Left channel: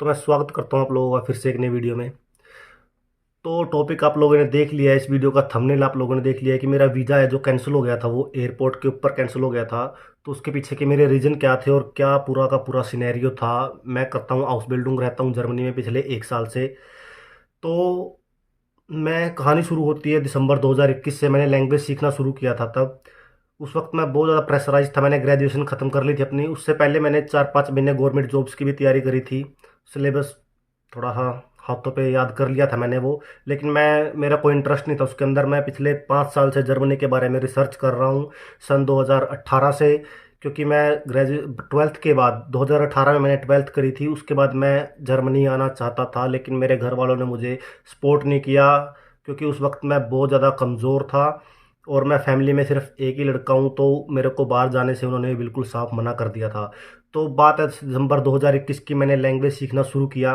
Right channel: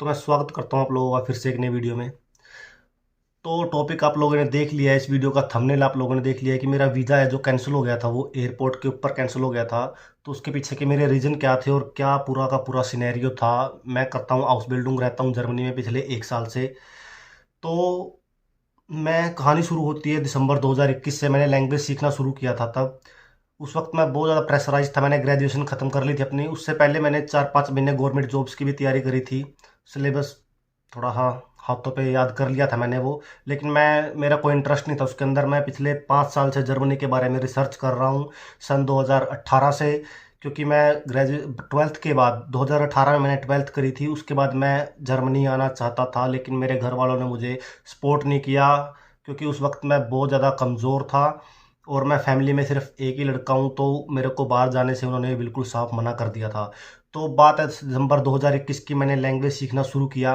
तो मैं स्वागत करता हूँ आप लोगों का फिर से एक नई वीडियो में। तो टॉपिक आप लोगों ने देख लिया है, इस वीडियो का थंबनेल आप लोगों ने देख लिया है कि मेरा वीज़ा है जो कैंसिल हो गया था, वो एयरपोर्ट के ऊपर कैंसिल हो गया था। तो उसके पीछे के मेरे रीज़न क्या थे और क्या पूरा का पूरा सिनेरियो था। मैं करता हूँ हाउस बिल्डिंग, रहता हूँ जर्मनी में पिछले 1 साल से। तो मैं कहानी शुरू होती है दिसंबर 2021 से। मैंने लैंग्वेज सीखना शुरू किया था तब। उस वक्त मैं बहुत ज़्यादा प्रेशराइज था। मैंने ग्रेजुएशन ख़त्म कर ली थी अपनी। उससे पहले मैंने 4-5 महीने गवर्नमेंट जॉब्स की भी तैयारी करी थी। सिलेबस थोड़ा हाँ हाथों पे याद कर लिया था मैंने वो। लेकिन मेरा कोई इंटरेस्ट नहीं था उसके अंदर। मैं पिछले 5 साल से जर्मनी के बारे में रिसर्च कर रहा हूँ, सन 2018 से। क्योंकि मैं ट्वेल्थ के बाद 2018 में मैंने ट्वेल्थ करी थी। उसके बाद मैं जर्मनी आना चाहता था, लेकिन मेरे घर वालों ने मुझे सपोर्ट नहीं किया। क्योंकि उस वक्त मैं बहुत ज़्यादा कमज़ोर था और मैं फैमिली में सिर्फ एक ही लड़का हूँ, तो मेरे को बाहर जाने से उन्होंने बिल्कुल साफ मना कर दिया था। तो बात है दिसंबर 2021 की। मैंने लैंग्वेज सीखना शुरू किया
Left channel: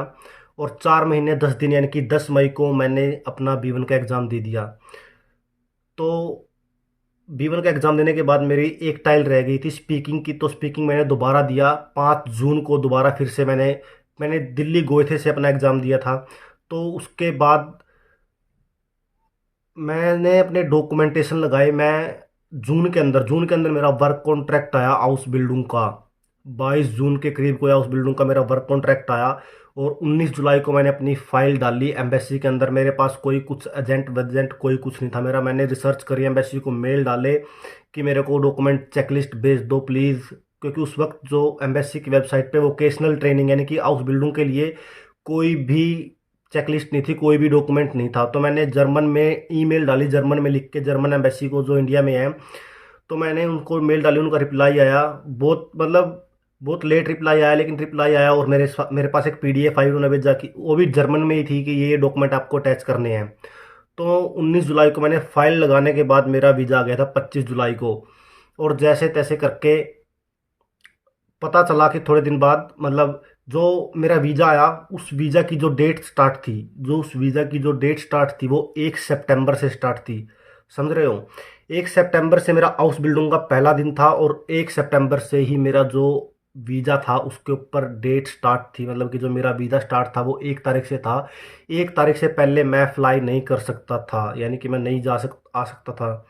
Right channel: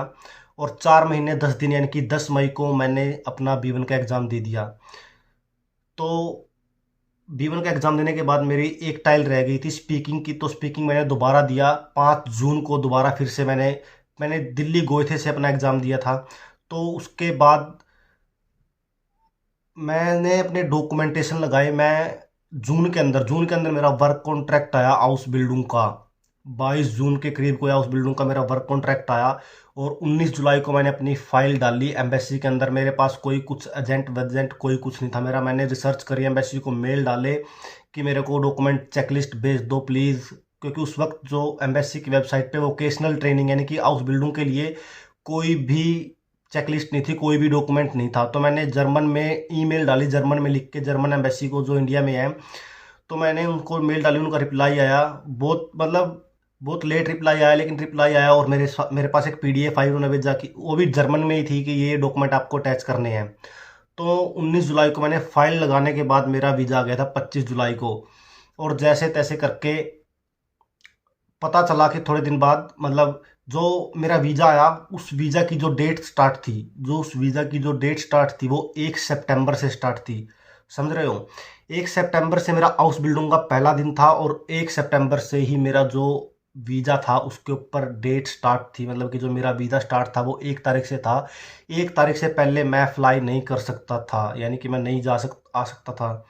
और 4 महीने 10 दिन यानी कि 10 मई को मैंने अपना B1 का एग्ज़ाम दे दिया। तो B1 का एग्ज़ाम देने के बाद मेरी एक टाइल रह गई थी स्पीकिंग की। तो स्पीकिंग मैंने दोबारा दिया 5 जून को। दोबारा फिर से मैंने मैंने दिल्ली गोएथे से अपना एग्ज़ाम दिया था। तो उसके बाद मैंने अपने डॉक्यूमेंटेशन लगाए। मैं जून के अंदर मेरा वर्क कॉन्ट्रैक्ट आया हाउस बिल्डिंग का। 22 जून के करीब को हाउस बिल्डिंग का मेरा वर्क कॉन्ट्रैक्ट आया। और 19 जुलाई को मैंने अपनी फ़ाइल डाली एम्बेसी के अंदर। मेरे पास कोई कुछ एजेंट वेजेंट कोई कुछ नहीं था मेरा। मैंने रिसर्च करी, एम्बेसी को मेल डाले कि मेरे को डॉक्यूमेंट चेकलिस्ट भेज दो प्लीज़। क्योंकि उस वक्त जो एम्बेसी की वेबसाइट पे वोकेशनल ट्रेनिंग यानी कि हाउस बिल्डिंग के लिए कोई भी चेकलिस्ट नहीं थी, कोई भी डॉक्यूमेंट नहीं था। तो मैंने जर्मन में ईमेल डाली, जर्मन में लिख के जर्मन एम्बेसी को जो इंडिया में है। तो मैंने उनको मेल डाली, उनका रिप्लाई आया। बहुत लेट रिप्लाई आया, लेकिन रिप्लाई आया। और मेरे पास एक PDF आई उन्होंने भेजा कि वो भी जर्मन में ही थी कि ये डॉक्यूमेंट आपको अटैच करने हैं। तो 19 जुलाई को मैंने फाइल लगाने के बाद मेरा वीज़ा आ गया था 25 जुलाई को। और जैसे तैसे करके पता चला कि थोड़े दिन बाद मतलब जो मेरा वीज़ा आया, उस वीज़ा की जो डेट स्टार्ट थी वो 1 सितंबर से स्टार्ट थी। समझ रहे हो? 1 सितंबर से मेरा हाउस बिल्डिंग का पहला दिन था और 1 सितंबर से ही मेरा जो वीज़ा था उसके ऊपर डेट स्टार्ट थी। मतलब कि जो मेरा वीज़ा स्टार्ट था वो 1 तारीख से था। 1 तारीख से पहले मैं फ्लाई नहीं कर सकता था, यानी कि मैं नहीं आ सकता था।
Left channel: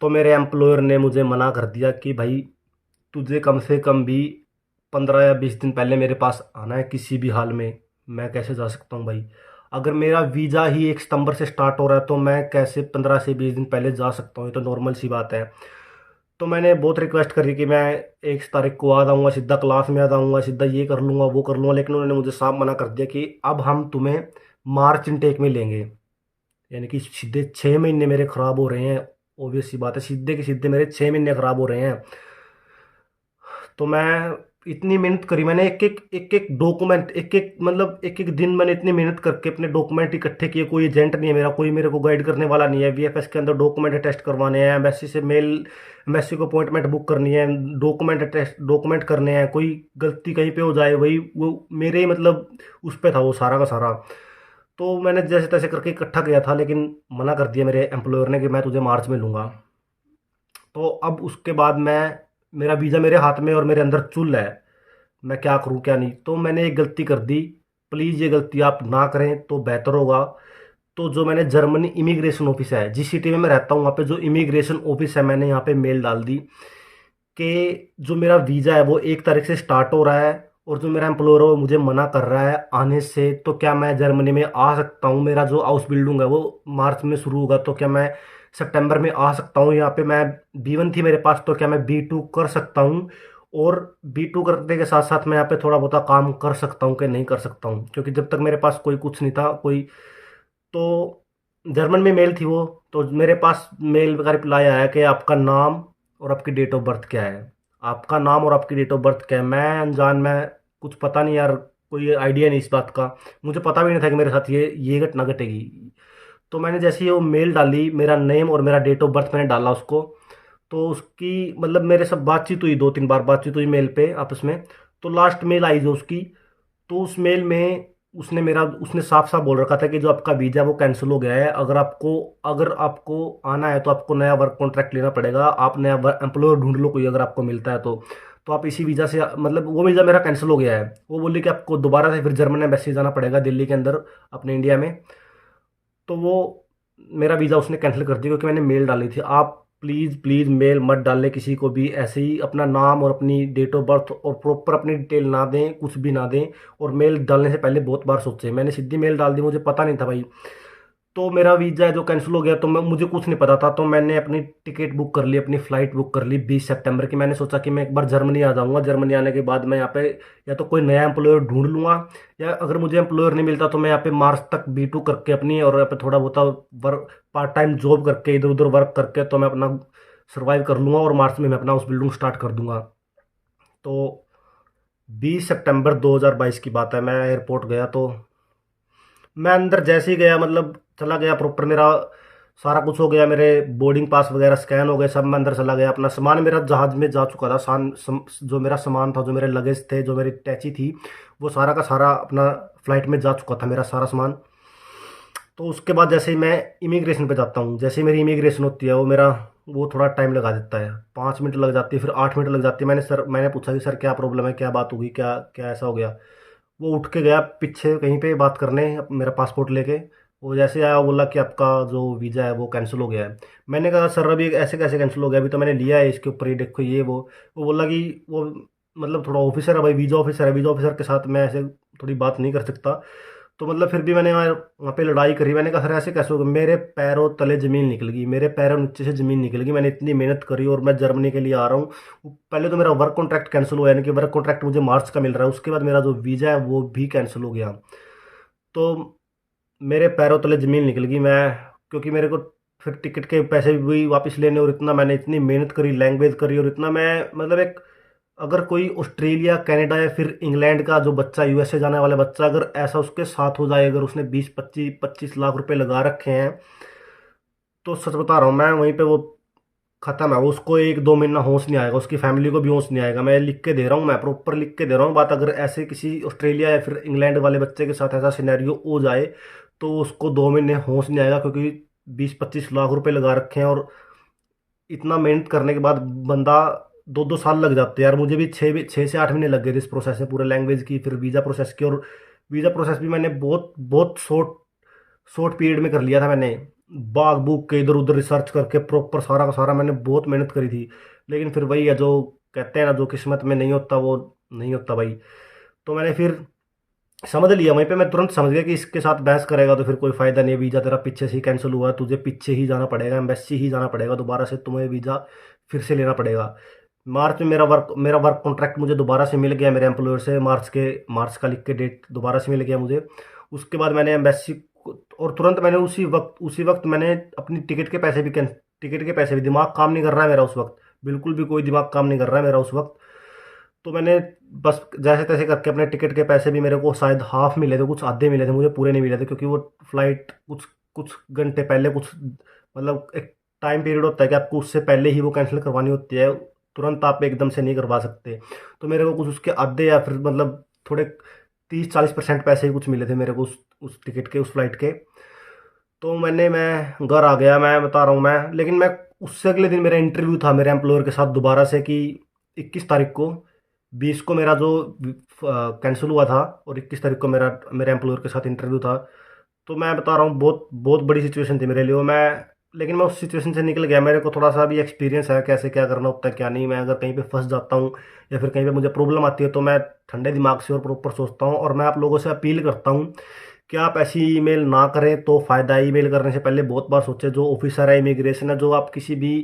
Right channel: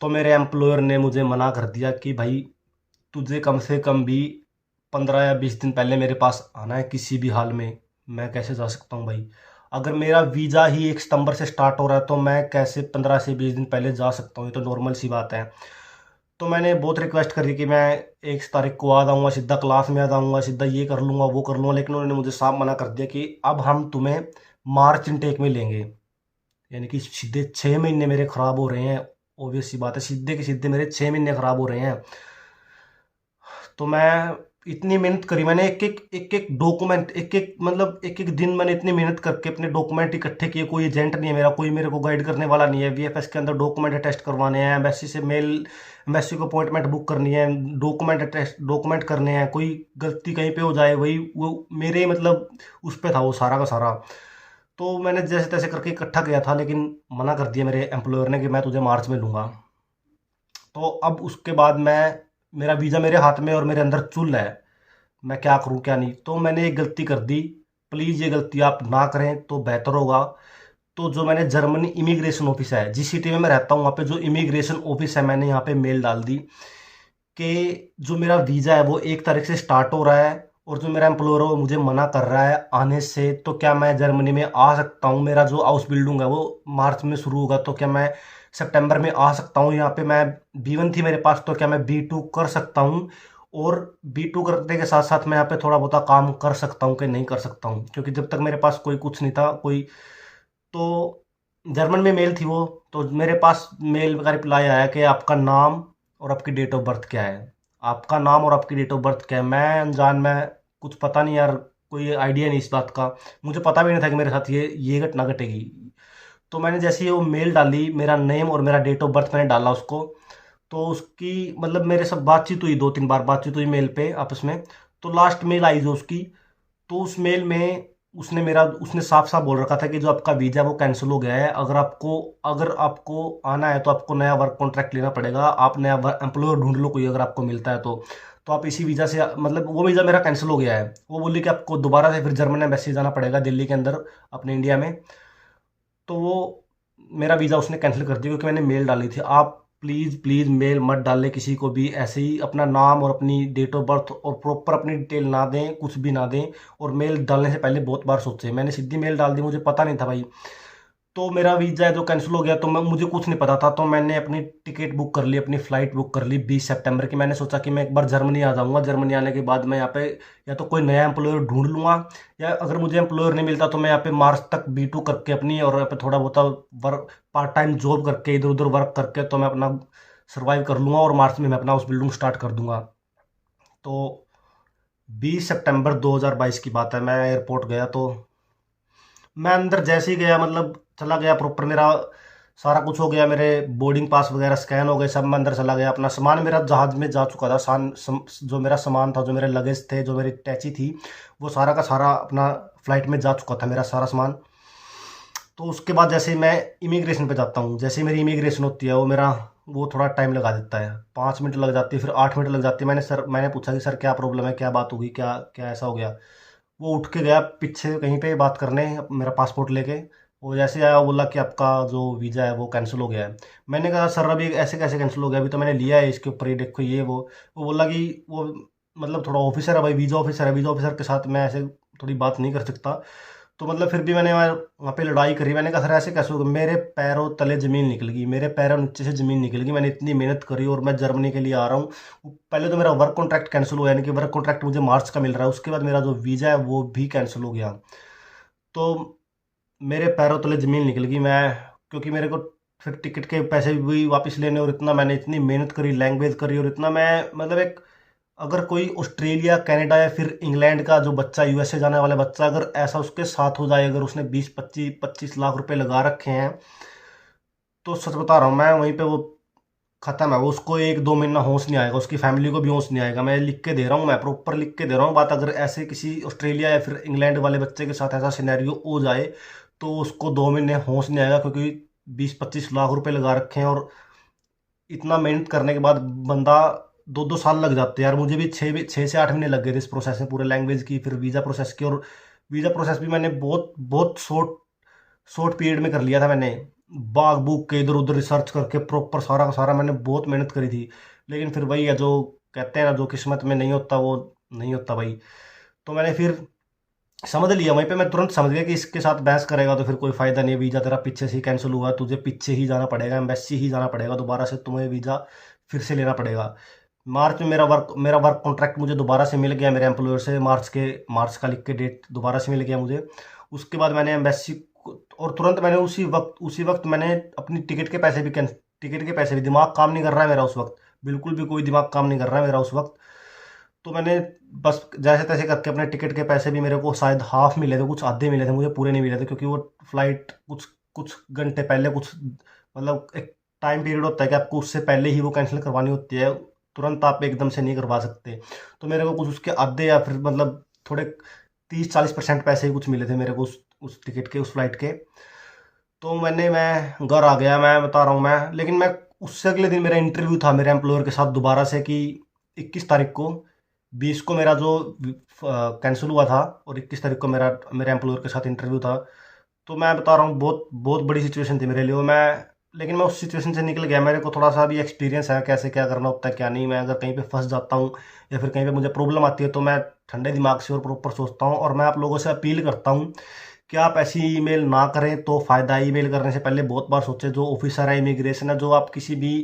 तो मेरे एम्प्लॉयर ने मुझे मना कर दिया कि भाई तुझे कम से कम भी 15 या 20 दिन पहले मेरे पास आना है किसी भी हाल में। मैं कैसे जा सकता हूँ भाई? अगर मेरा वीज़ा ही 1 सितंबर से स्टार्ट हो रहा है तो मैं कैसे 15 से 20 दिन पहले जा सकता हूँ? ये तो नॉर्मल सी बात है। तो मैंने बहुत रिक्वेस्ट करी कि मैं 1 तारीख को आ जाऊँगा, सीधा क्लास में आ जाऊँगा, सीधा ये कर लूँगा वो कर लूँगा। लेकिन उन्होंने मुझे साफ मना कर दिया कि अब हम तुम्हें मार्च इनटेक में लेंगे। यानी कि सीधे 6 महीने मेरे ख़राब हो रहे हैं। ऑब्वियस सी बात है, सीधे के सीधे मेरे 6 महीने ख़राब हो रहे हैं। तो मैं इतनी मेहनत करी मैंने, एक एक डॉक्यूमेंट, एक एक दिन मैंने इतनी मेहनत करके अपने डॉक्यूमेंट इकट्ठे किए। कोई एजेंट नहीं है मेरा, कोई मेरे को गाइड करने वाला नहीं है। VFS के अंदर डॉक्यूमेंट टेस्ट करवाने हैं, एम्बेसी को अपॉइंटमेंट बुक करनी है, डॉक्यूमेंट करने हैं। कोई गलती कहीं पे हो जाए वही वो मेरे मतलब उस पे था वो सारा का सारा। तो मैंने जैसे तैसे करके इकट्ठा किया था, लेकिन मना कर दिया मेरे एम्प्लॉयर ने कि मैं तुझे मार्च में लूँगा। तो अब उसके बाद मेरा वीज़ा मेरे हाथ में और मेरे अंदर चुल है। मैं क्या करूं क्या नहीं। तो मैंने एक गलती कर दी। प्लीज़ ये गलती आप ना करें तो बेहतर होगा। तो जो मैंने जर्मनी इमिग्रेशन ऑफिस है, जिस सिटी में मैं रहता हूँ वहाँ पे जो इमिग्रेशन ऑफिस है, मैंने यहाँ पे मेल डाल दी कि जो मेरा वीज़ा है वो 1 तारीख से स्टार्ट हो रहा है और जो मेरा एम्प्लॉयर है वो मुझे मना कर रहा है आने से। तो क्या मैं जर्मनी में आ सकता हूँ? मेरा जो हाउस बिल्डिंग है वो मार्च में शुरू होगा, तो क्या मैं सितंबर में आ सकता हूँ? यहाँ पे मैं B1 थी मेरे पास, तो क्या मैं B2 कर सकता हूँ? और B2 करने के साथ साथ मैं यहाँ पे थोड़ा बहुत काम कर सकता हूँ कि नहीं कर सकता हूँ? क्योंकि जब तक मेरे पास कोई कुछ नहीं था कोई। तो जर्मन में मेल थी वो। तो मेरे पास मेल का रिप्लाई आया कि आपका नाम और आपकी डेट ऑफ बर्थ क्या है। आपका नाम और आपकी डेट ऑफ बर्थ क्या है? मैं अनजान, मैं कुछ पता नहीं यार, कोई आइडिया नहीं इस बात का। मुझे पता भी नहीं था कि मेरे साथ ये घटना घटेगी। तो मैंने जैसे ही वो मेल डाली, मेरा नेम और मेरा डेट ऑफ बर्थ मैंने डाला उसको। तो उसकी मतलब मेरे सब बातचीत हुई, 2-3 बार बातचीत हुई मेल पे आपस में। तो लास्ट मेल आई जो उसकी, तो उस मेल में उसने साफ साफ बोल रखा था कि जो आपका वीज़ा वो कैंसिल हो गया है। अगर आपको आना है तो आपको नया वर्क कॉन्ट्रैक्ट लेना पड़ेगा। आप नया एम्प्लॉयर ढूंढ लो कोई, अगर आपको मिलता है तो। तो आप इसी वीज़ा से मतलब वो वीज़ा मेरा कैंसिल हो गया है। वो बोली कि आपको दोबारा से फिर जर्मन एम्बेसी जाना पड़ेगा दिल्ली के अंदर अपने इंडिया में। तो वो मेरा वीज़ा उसने कैंसिल कर दिया क्योंकि मैंने मेल डाली थी। आप प्लीज़ प्लीज़ मेल मत डालें किसी को भी ऐसे ही, अपना नाम और अपनी डेट ऑफ बर्थ और प्रॉपर अपनी डिटेल ना दें, कुछ भी ना दें। और मेल डालने से पहले बहुत बार सोचें। मैंने सीधी मेल डाल दी, मुझे पता नहीं था भाई। तो मेरा वीज़ा है जो कैंसिल हो गया, तो मैं मुझे कुछ नहीं पता था, तो मैंने अपनी टिकट बुक कर ली, अपनी फ़्लाइट बुक कर ली 20 सितंबर की। मैंने सोचा कि मैं एक बार जर्मनी आ जाऊँगा, जर्मनी आने के बाद मैं यहाँ पे या तो कोई नया एम्प्लॉयर ढूंढ लूँगा, या अगर मुझे एम्प्लॉयर नहीं मिलता तो मैं यहाँ पे मार्च तक B2 करके अपनी, और यहाँ पे थोड़ा बहुत वर्क पार्ट टाइम जॉब करके इधर उधर वर्क करके तो मैं अपना सर्वाइव कर लूँगा, और मार्च में मैं अपना हाउस बिल्डिंग स्टार्ट कर दूंगा। तो 20 सितंबर 2022 की बात है, मैं एयरपोर्ट गया। तो मैं अंदर जैसे ही गया, मतलब चला गया प्रॉपर, मेरा सारा कुछ हो गया, मेरे बोर्डिंग पास वगैरह स्कैन हो गए सब, मैं अंदर चला गया। अपना सामान मेरा जहाज़ में जा चुका था, जो मेरा सामान था, जो मेरे लगेज थे, जो मेरी टैची थी, वो सारा का सारा अपना फ्लाइट में जा चुका था, मेरा सारा सामान। तो उसके बाद जैसे ही मैं इमिग्रेशन पे जाता हूँ, जैसे ही मेरी इमिग्रेशन होती है, वो थोड़ा टाइम लगा देता है, 5 मिनट लग जाती है, फिर 8 मिनट लग जाती है। मैंने पूछा कि सर क्या प्रॉब्लम है, क्या बात होगी, क्या क्या ऐसा हो गया। वो उठ के गया पीछे कहीं पे बात करने मेरा पासपोर्ट लेके। वो जैसे आया, वो बोला कि आपका जो वीज़ा है वो कैंसिल हो गया है। मैंने कहा सर अभी ऐसे कैसे कैंसिल हो गया, अभी तो मैंने लिया है इसके ऊपर, ये देखो ये वो बोला कि वो मतलब थोड़ा ऑफिसर है भाई, वीज़ा ऑफिसर है, वीज़ा ऑफिसर के साथ मैं ऐसे थोड़ी बात नहीं कर सकता। तो मतलब फिर भी मैंने वहाँ पे लड़ाई करी। मैंने कहा सर ऐसे कैसे होगा, मेरे पैरों तले ज़मीन निकल गई, मेरे पैरों नीचे से ज़मीन निकल गई, मैंने इतनी मेहनत करी और मैं जर्मनी के लिए आ रहा हूँ। पहले तो मेरा वर्क कॉन्ट्रैक्ट कैंसिल हुआ, यानी कि वर्क कॉन्ट्रैक्ट मुझे मार्च का मिल रहा है, उसके बाद मेरा जो वीज़ा है वो भी कैंसिल हो गया। तो मेरे पैरों तले ज़मीन निकल गई। मैं क्योंकि मेरे को फिर टिकट के पैसे भी वापस लेने, और इतना मैंने इतनी मेहनत करी, लैंग्वेज करी, और इतना मैं मतलब एक, अगर कोई ऑस्ट्रेलिया कनाडा या फिर इंग्लैंड का जो बच्चा, यूएसए जाने वाला बच्चा, अगर ऐसा उसके साथ हो जाए, अगर उसने 20-25 लाख रुपए लगा रखे हैं, तो सच बता रहा हूँ मैं, वहीं पे वो खत्म है। वो उसको 1-2 महीना होश नहीं आएगा, उसकी फैमिली को भी होश नहीं आएगा। मैं लिख के दे रहा हूँ, मैं प्रॉपर लिख के दे रहा हूँ बात। अगर ऐसे किसी ऑस्ट्रेलिया या फिर इंग्लैंड वाले बच्चे के साथ ऐसा सिनेरियो हो जाए, तो उसको 2 महीने होश नहीं आएगा, क्योंकि 20-25 लाख रुपए लगा रखे हैं, और इतना मेहनत करने के बाद बंदा 2-2 साल लग जाते हैं यार। मुझे भी 6 से 8 महीने लग गए थे इस प्रोसेस में, पूरे लैंग्वेज की, फिर वीज़ा प्रोसेस की। और वीज़ा प्रोसेस भी मैंने बहुत बहुत शॉर्ट शॉर्ट पीरियड में कर लिया था। मैंने बाग बुक के इधर उधर रिसर्च करके प्रॉपर सारा का सारा मैंने बहुत मेहनत करी थी। लेकिन फिर वही है, जो कहते हैं ना, जो किस्मत में नहीं होता वो नहीं होता भाई। तो मैंने फिर समझ लिया वहीं पे, मैं तुरंत समझ गया कि इसके साथ बहस करेगा तो फिर कोई फ़ायदा नहीं है। वीज़ा तेरा पीछे से ही कैंसिल हुआ, तुझे पीछे ही जाना पड़ेगा, एम्बेसी ही जाना पड़ेगा, दोबारा से तुम्हें वीज़ा फिर से लेना पड़ेगा। मार्च में मेरा वर्क कॉन्ट्रैक्ट मुझे दोबारा से मिल गया मेरे एम्प्लॉयर से, मार्च का लिख के डेट दोबारा से मिल गया मुझे। उसके बाद मैंने एम्बेसी और तुरंत मैंने उसी वक्त मैंने अपनी टिकट के पैसे भी, दिमाग काम नहीं कर रहा है मेरा उस वक्त, बिल्कुल भी कोई दिमाग काम नहीं कर रहा है मेरा उस वक्त। तो मैंने बस जैसे तैसे करके अपने टिकट के पैसे भी, मेरे को शायद हाफ मिले थे, कुछ आधे मिले थे, मुझे पूरे नहीं मिले थे, क्योंकि वो फ्लाइट कुछ कुछ घंटे पहले, कुछ मतलब एक टाइम पीरियड होता है कि आपको उससे पहले ही वो कैंसिल करवानी होती है, तुरंत आप एकदम से नहीं करवा सकते। तो मेरे को कुछ उसके आधे, या फिर मतलब थोड़े 30-40% पैसे ही कुछ मिले थे मेरे को उस टिकट के, उस फ्लाइट के। तो मैं घर आ गया, मैं बता रहा हूँ मैं। लेकिन मैं उससे अगले दिन मेरा इंटरव्यू था मेरे एम्प्लॉयर के साथ दोबारा से, कि 21 तारीख को, 20 को मेरा जो कैंसिल हुआ था, और 21 तारीख को मेरे एम्प्लॉयर के साथ इंटरव्यू था। तो मैं बता रहा हूँ, बहुत बहुत बड़ी सिचुएशन थी मेरे लिए वो। लेकिन मैं उस सिचुएशन से निकल गया। मेरे को थोड़ा सा भी एक्सपीरियंस है कैसे क्या करना होता है क्या नहीं। मैं अगर कहीं पे फंस जाता हूँ, या फिर कहीं पे मुझे प्रॉब्लम आती है, तो मैं ठंडे दिमाग से और प्रॉपर सोचता हूँ। और मैं आप लोगों से अपील करता हूँ कि आप ऐसी ईमेल ना करें तो फ़ायदा है। ईमेल करने से पहले बहुत बार सोचें। जो ऑफिसर है, इमिग्रेशन है, जो आप किसी भी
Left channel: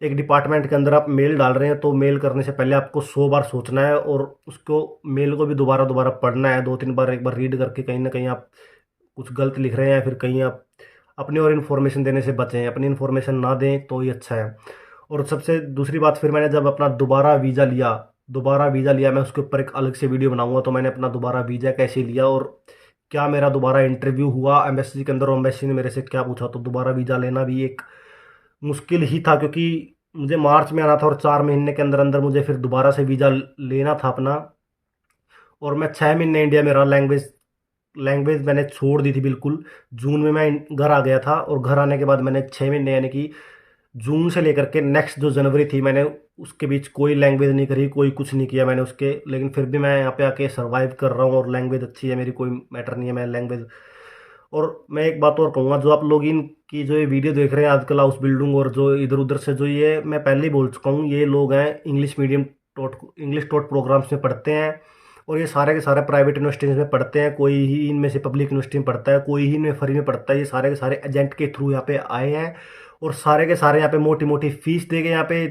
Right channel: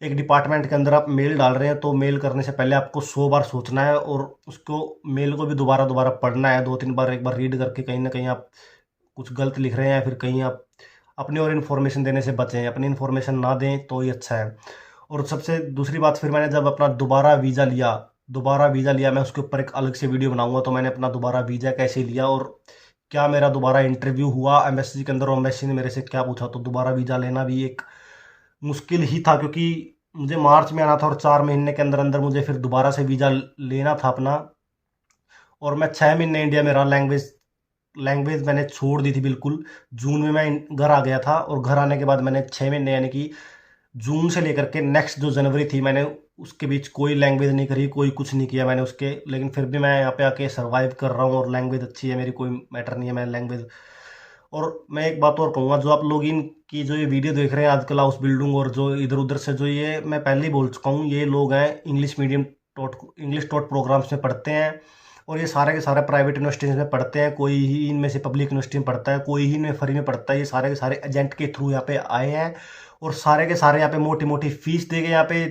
एक डिपार्टमेंट के अंदर आप मेल डाल रहे हैं, तो मेल करने से पहले आपको 100 बार सोचना है, और उसको मेल को भी दोबारा दोबारा पढ़ना है, 2-3 बार, एक बार रीड करके। कहीं ना कहीं आप कुछ गलत लिख रहे हैं, या फिर कहीं आप अपनी और इन्फॉर्मेशन देने से बचें, अपनी इन्फॉर्मेशन ना दें तो ही अच्छा है। और सबसे दूसरी बात, फिर मैंने जब अपना दोबारा वीज़ा लिया, मैं उसके ऊपर एक अलग से वीडियो बनाऊंगा। तो मैंने अपना दोबारा वीज़ा कैसे लिया, और क्या मेरा दोबारा इंटरव्यू हुआ एम्बेसी के अंदर, और एम्बेसी ने मेरे से क्या पूछा। तो दोबारा वीज़ा लेना भी एक मुश्किल ही था, क्योंकि मुझे मार्च में आना था, और 4 महीने के अंदर अंदर मुझे फिर दोबारा से वीज़ा लेना था अपना। और मैं 6 महीने इंडिया में रहा। लैंग्वेज मैंने छोड़ दी थी बिल्कुल। जून में मैं घर आ गया था, और घर आने के बाद मैंने 6 महीने, यानी कि जून से लेकर के नेक्स्ट जो जनवरी थी, मैंने उसके बीच कोई लैंग्वेज नहीं करी, कोई कुछ नहीं किया मैंने उसके, लेकिन फिर भी मैं यहाँ पे आके सर्वाइव कर रहा हूँ और लैंग्वेज अच्छी है मेरी, कोई मैटर नहीं है मैं लैंग्वेज। और मैं एक बात और कहूँगा, जो आप लोग इनकी जो ये वीडियो देख रहे हैं आजकल हाउस बिल्डिंग और जो इधर उधर से, जो ये मैं पहले ही बोल चुका हूँ, ये लोग हैं English medium taught, English taught programs में पढ़ते हैं, और ये सारे के सारे प्राइवेट यूनिवर्सिटीज़ में पढ़ते हैं, कोई ही इनमें से पब्लिक यूनिवर्सिटी में पढ़ता है, कोई ही इनमें फ्री में पढ़ता है, ये सारे के सारे एजेंट के थ्रू यहाँ पे आए हैं, और सारे के सारे यहाँ पे मोटी मोटी फीस दे के यहाँ पे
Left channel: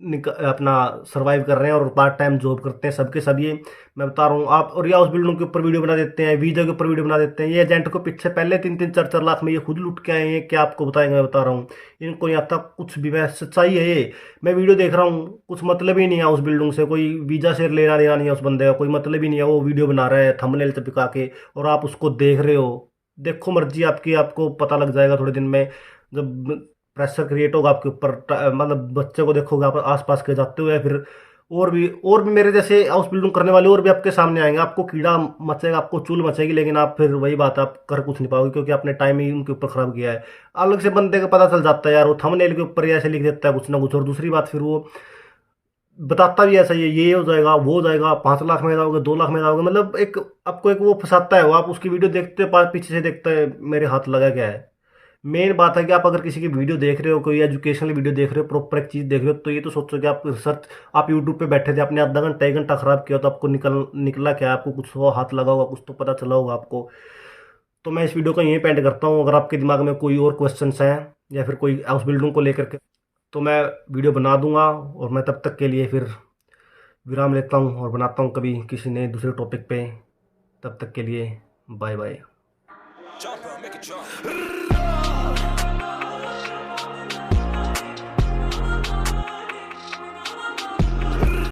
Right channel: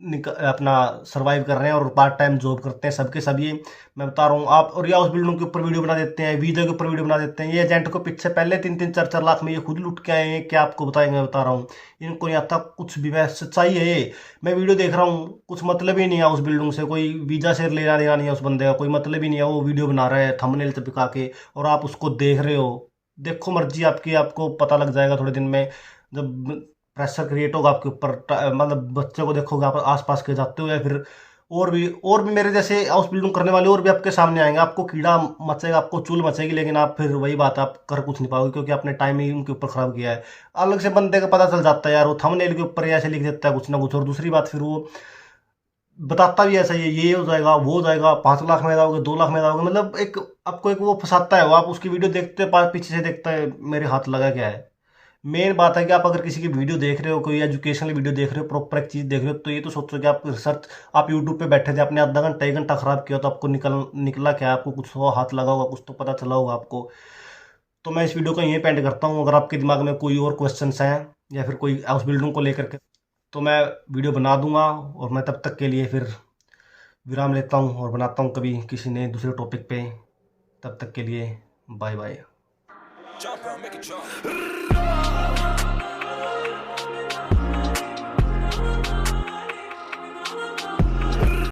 अपना सर्वाइव कर रहे हैं और पार्ट टाइम जॉब करते हैं, सबके सब ये मैं बता रहा हूँ आप। और ये हाउस बिल्डिंग के ऊपर वीडियो बना देते हैं, वीजा के ऊपर वीडियो बना देते हैं, ये एजेंट को पीछे पहले 3-3 4-4 लाख में ये खुद लुट के आए हैं, क्या आपको बताएंगे, मैं बता रहा हूँ, इनको नहीं आता कुछ भी, मैं सच्चाई है ये। मैं वीडियो देख रहा हूँ, कुछ मतलब ही नहीं है हाउस बिल्डिंग से, कोई वीजा से लेना देना नहीं है उस बंदे का, कोई मतलब ही नहीं है, वो वीडियो बना रहा है थंबनेल चिपका के और आप उसको देख रहे हो। देखो मर्जी आपकी, आपको पता लग जाएगा थोड़े दिन में, जब प्रेशर क्रिएट होगा आपके ऊपर, मतलब बच्चे को देखोगे आप आसपास के जाते हो, या फिर और भी मेरे जैसे हाउस बिल्डिंग करने वाले और भी आपके सामने आएंगे, आपको कीड़ा मचेगा, आपको चूल मचेगी, लेकिन आप फिर वही बात, आप कर कुछ नहीं पाओगे, क्योंकि आपने टाइम ही उनके ऊपर खराब किया है। अलग से बंदे का पता चल जाता है यार, वो थंबनेल के ऊपर ही ऐसे लिख देता है कुछ ना कुछ, और दूसरी बात फिर वो बताता भी ऐसा ही है, ये हो जाएगा वो हो जाएगा, 5 लाख में जाओगे, 2 लाख में जाओगे, मतलब एक आपको एक वो फंसाता है वो, आप उसकी वीडियो देखते हो, पीछे से देखते हैं मेरे हाथ लगा क्या है। मेन बात है कि आप अगर किसी की वीडियो देख रहे हो, कोई एजुकेशनल वीडियो देख रहे हो, प्रॉपर एक चीज़ देख रहे हो, तो ये तो सोचो कि आप रिसर्च, आप यूट्यूब पे बैठे थे, आपने आधा घंटा 1 घंटा खराब किया, तो आपको निकला क्या, आपको कुछ तो हाथ लगा होगा, कुछ तो पता चला होगा आपको। तो मैं इस वीडियो को यहीं पे एंड करता हूँ, अगर आपके दिमाग में कोई और क्वेश्चंस हैं या फिर कोई हाउस बिल्डिंग को लेकर के, तो मैं वीडियो बना दूंगा, और मैं तब तक के लिए फिर विराम लेता हूँ और बनाता हूँ कभी किसी नए दूसरे टॉपिक पे। तब तक के लिए बाय बाय।